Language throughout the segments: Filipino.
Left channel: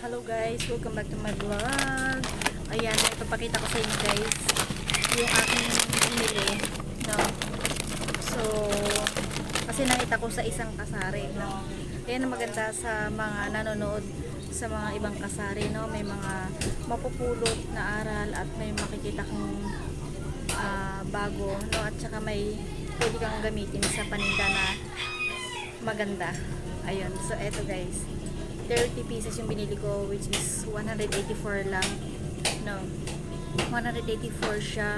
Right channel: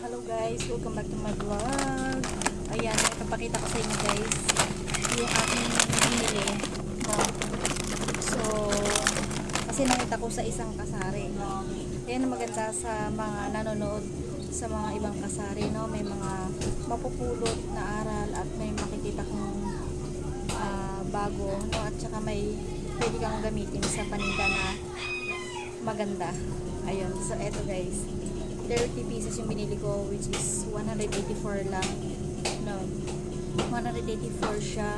Hello guys, welcome back to my vlog. Ayan, may papakita ko sa inyo guys yung aking binili, no? So, kasi nakita ko sa isang kasari, no? Ayan ang maganda sa mga nanonood sa mga ibang kasari, no? May mga mapupulot na aral at may makikita kang bago, no? At saka may pwede kang gamitin sa paninda na maganda. Ayun, so eto guys, 30 pieces yung binili ko, which is 184 lang, no, 184 siya.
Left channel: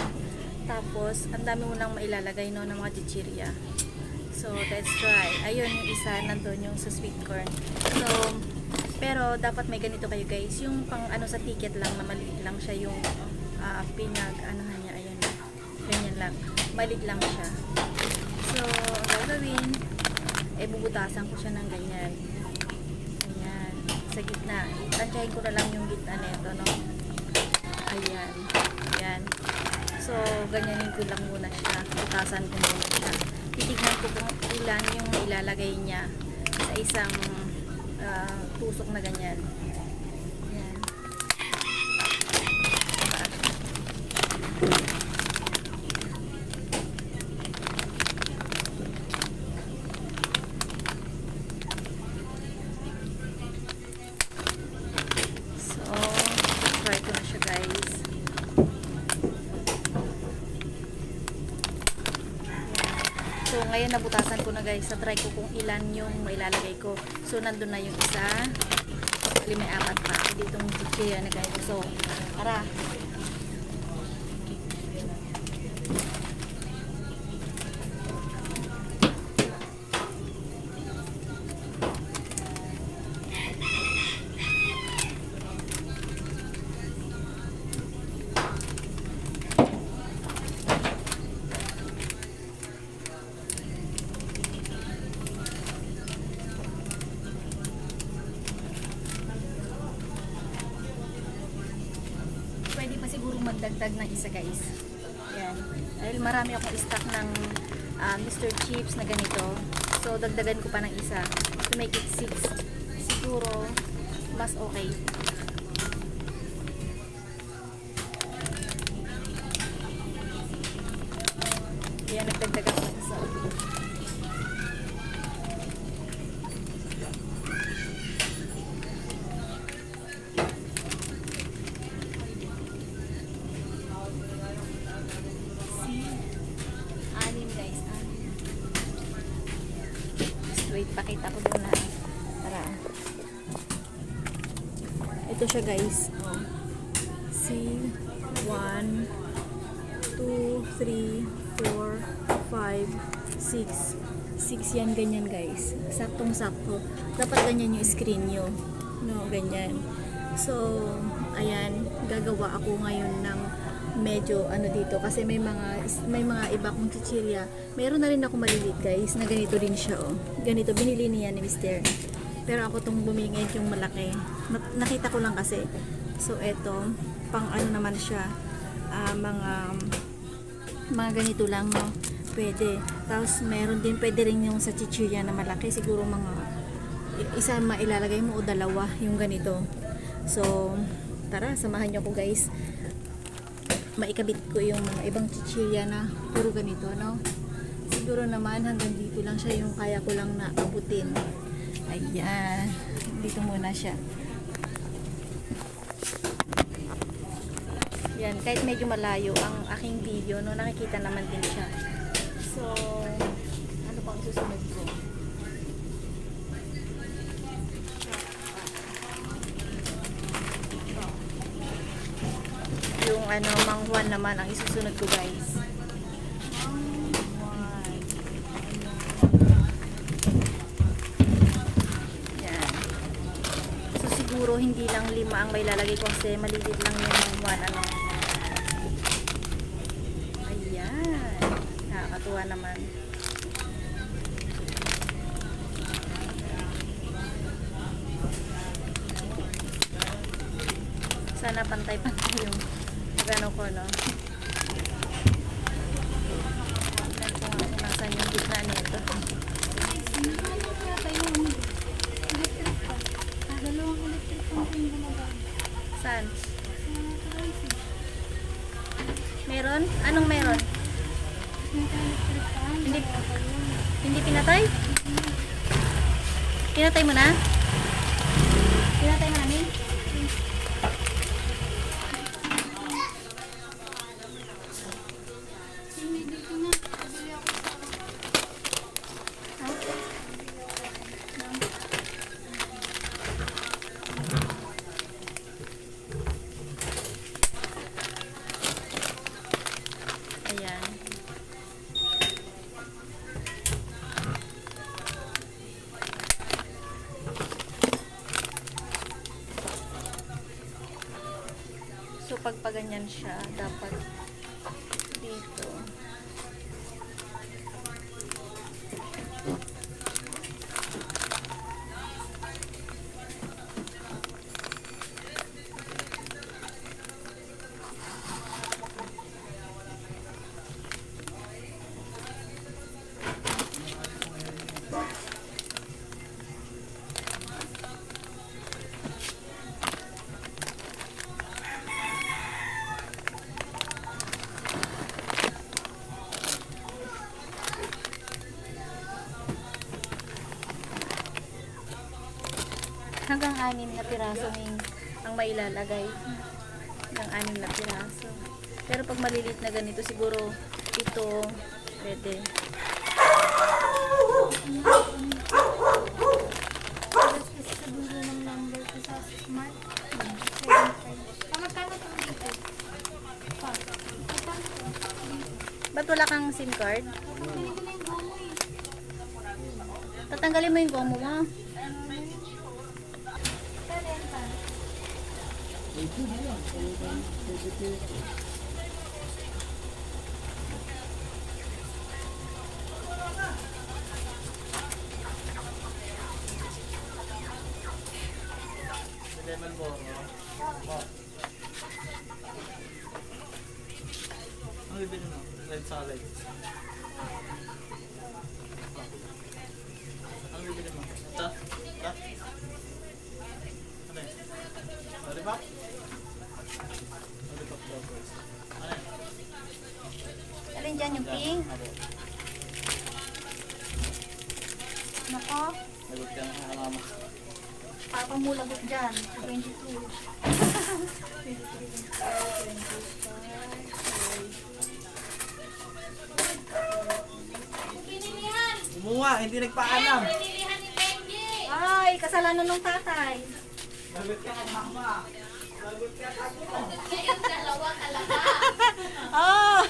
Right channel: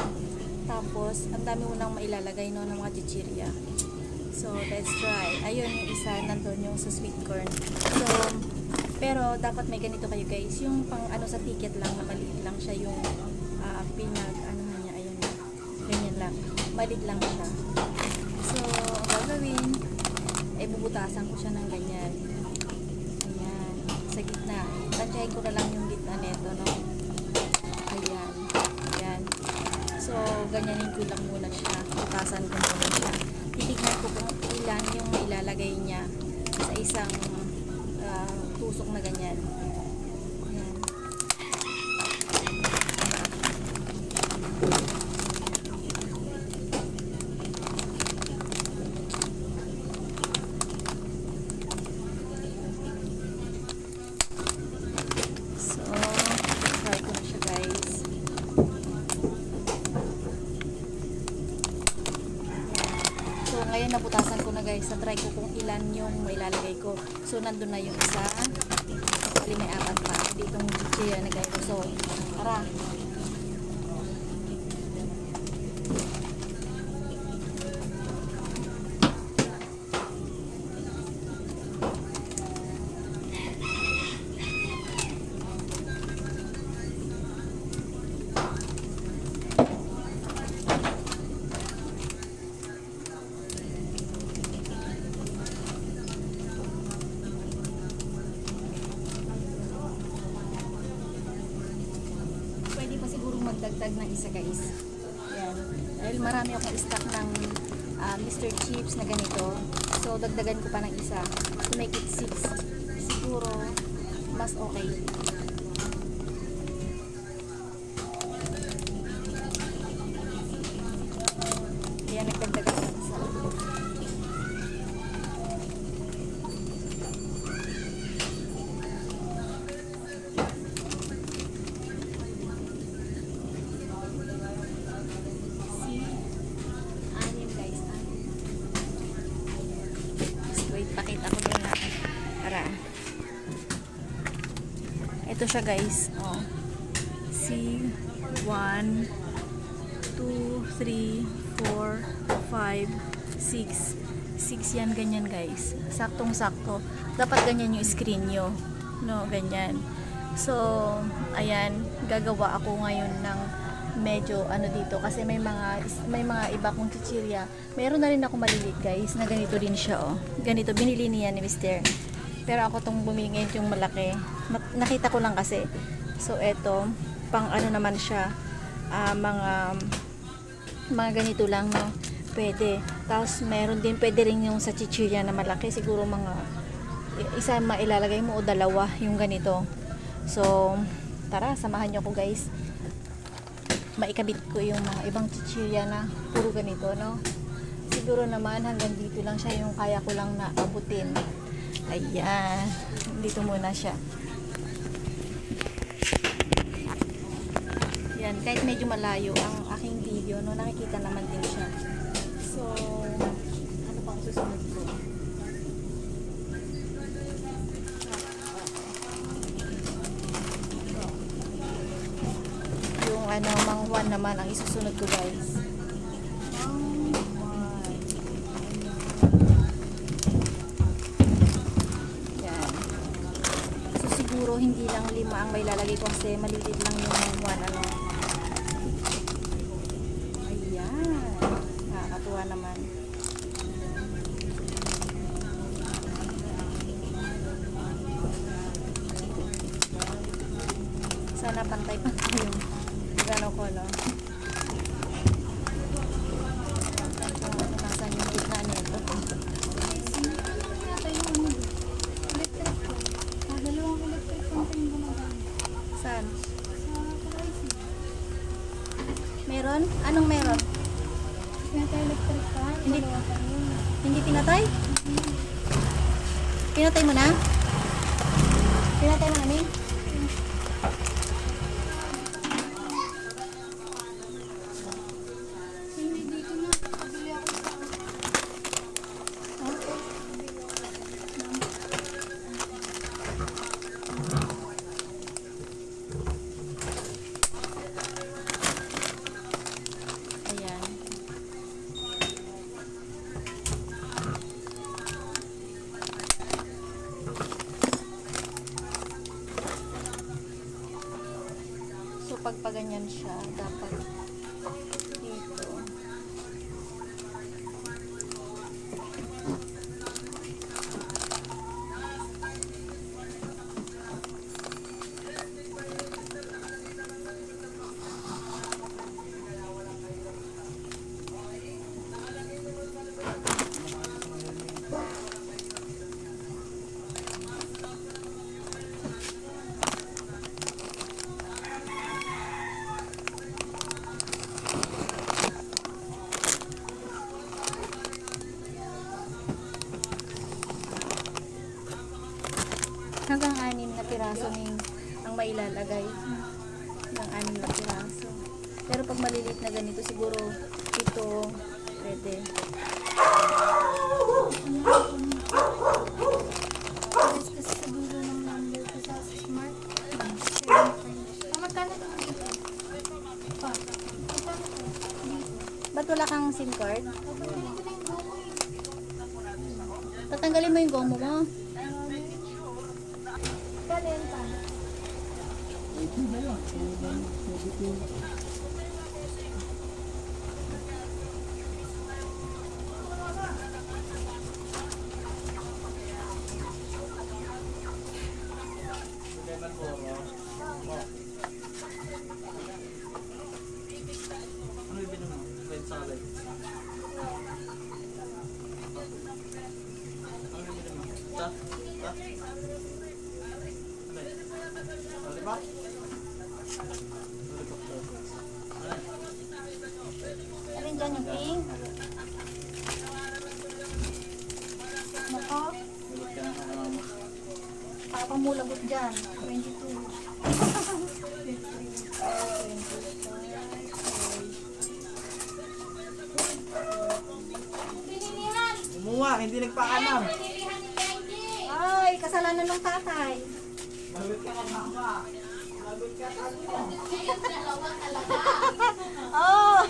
Tapos ang dami mo nang mailalagay, no, ng mga chichirya. So let's try. Ayun yung isa, nandun yung sa sweet corn. So pero dapat may ganito kayo guys, yung pang ano sa ticket lang na maliit lang siya, yung pinag anuhan niya. Ayan, ganyan lang, maliit lang siya. So ang gagawin ay bubutasan ko siya ng ganyan. Ayan, sa gitna. Tansyahin ko na lang yung gitna nito, no? Ayan. Ayan. So, ganyanin ko lang muna siya. Butasan ko muna siya. Titignan ko kung ilan yung ilalagay niya sa isang tusok na ganyan. Ayan. Try ko na siya guys. So ngayon nabutasan ko na guys. Try ko kung ilan yung mailalagay ko. So nandun na yung isa. Bali may apat pa ditong chichirya na guys. So tara. Pwede pa siguro magdagdag ng isa guys. Yan. Dahil marami akong stock ng Mr. Chips na ganito. So dagdagan ko pa ng isa to make it 6. Siguro mas okay. Yan, nagdagdag ako ng isa. Wait, pakita ko din na para ito siya guys. See, 1 2 3 4 5 6 6 yan, ganyan guys, saktong sakto. Dapat ganyan yung screen nyo, no, ganyan. So ayan, gagawa ako ngayon ng medyo ano dito kasi may mga iba kong chichirya. Meron na rin ako maliliit guys na ganito din siya, oh. Ganito binili niya ni Mr. Pero ako tong bumili yung malaki. Nakita ko lang kasi. So eto, pang ano naman siya, mga ganito lang, no. Pwede. Tapos meron din, pwede rin yung sa chichirya na malaki, siguro mga isa mailalagay mo o dalawa yung ganito. So tara, samahan niyo ako guys. Maikabit ko yung mga ibang chichirya na puro ganito, no. Siguro naman hanggang dito lang siya yung kaya ko lang na abutin. Ayan, dito muna siya. Yan, kahit medyo malayo ang aking video, no, nakikita naman din siya. So ano pang susunod ko? Yung ano, manghuan naman ang isusunod ko guys. Yan. So siguro hindi lang 5 ang may lalagay ko kasi malilit lang yung manghuan, ano. Ayan, nakakatuwa naman. Sana pantay-pantay yung gano ko, no. Nasaan yung gitna nito? Saan? Meron? Anong meron? Hindi, hindi pinatay? Pinatay mo na? Pinatay mo na, Min? Ayan. So, pag paganyan siya, dapat dito. Hanggang 6 na piraso ang mailalagay ng 6 na piraso. Pero pag maliliit na ganito, siguro ito pwede. Ba't wala kang SIM card? Tatanggalin mo yung gomo mo. Ano bibili mo? Red salad. Ano bibili mo? Ta? Ta? Ano yun? Lollipop? Lollipop daw. Ano yun? Alin dyan yung pink? Nako, Lagot ka na sa mama. papamulagot dyan. 22. 25. Umuha, hindi nagpaalam. Ay, kasalanan ng tatay. Lagot ka na mama. Lagot ka na mo. Oh!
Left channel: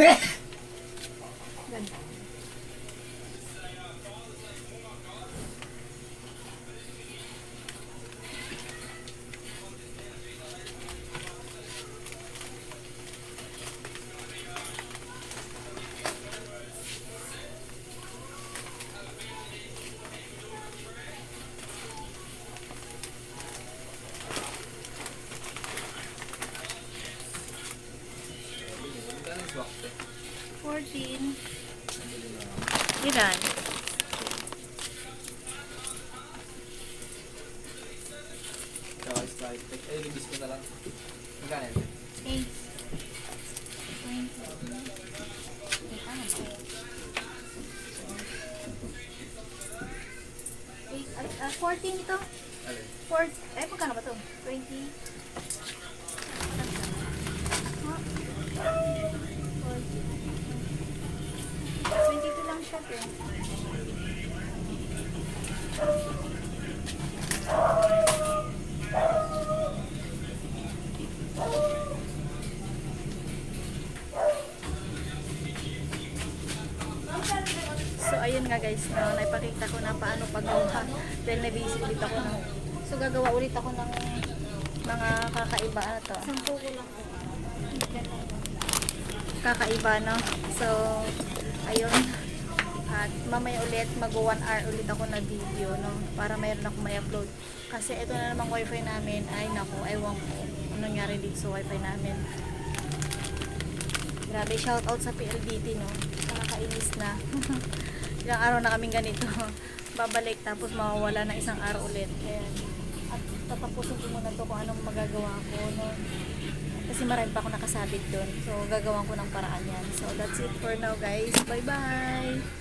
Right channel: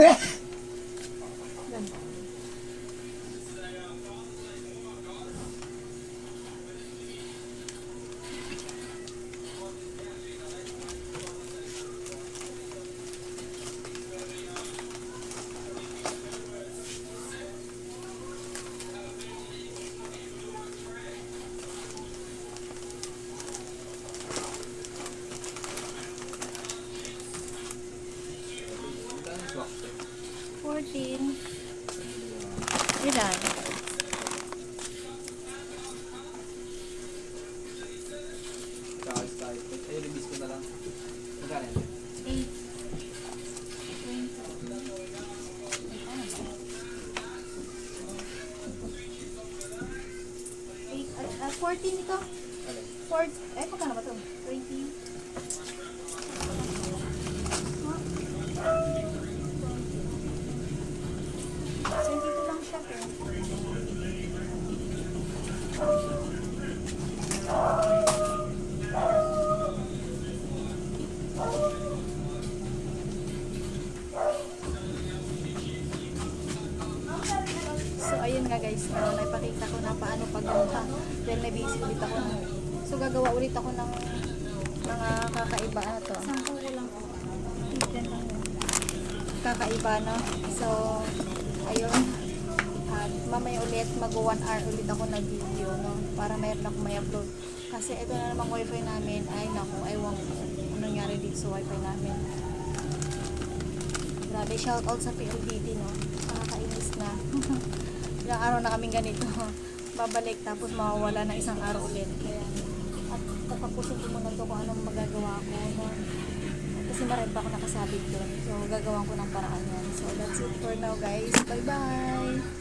Ganda. Magkano yung swak? 14. Ilan? Tsaka Sprite. Ay, release ko na lang. Magkano yan? 8. 14 ito? Alin? 4, ay magkano ba to? 20? Huh? 22 lang siya po. So ayun nga guys, no, naipakita ko na paano paggawa dahil na-busy ulit ako na. So gagawa ulit ako ng mga kakaiba ano to. Sampu ko lang. Kakaiba no. So ayun. At mamaya ulit mag 1 hour ulit ako na video no para mayroon ako may upload. Kasi ito na namang wifi namin ay naku, ewan ko ano nangyari dito sa wifi namin. Grabe, shout out sa PLDT no. Nakakainis na. Ilang araw na kaming ganito. Babalik tapos mawawala ng isang araw ulit. Kaya at tatapusin ko muna to kung anong magagawa ko no. Kasi marami pa ako nakasabit doon. So gagawin ko ng paraan yan. So that's it for now guys. Bye bye.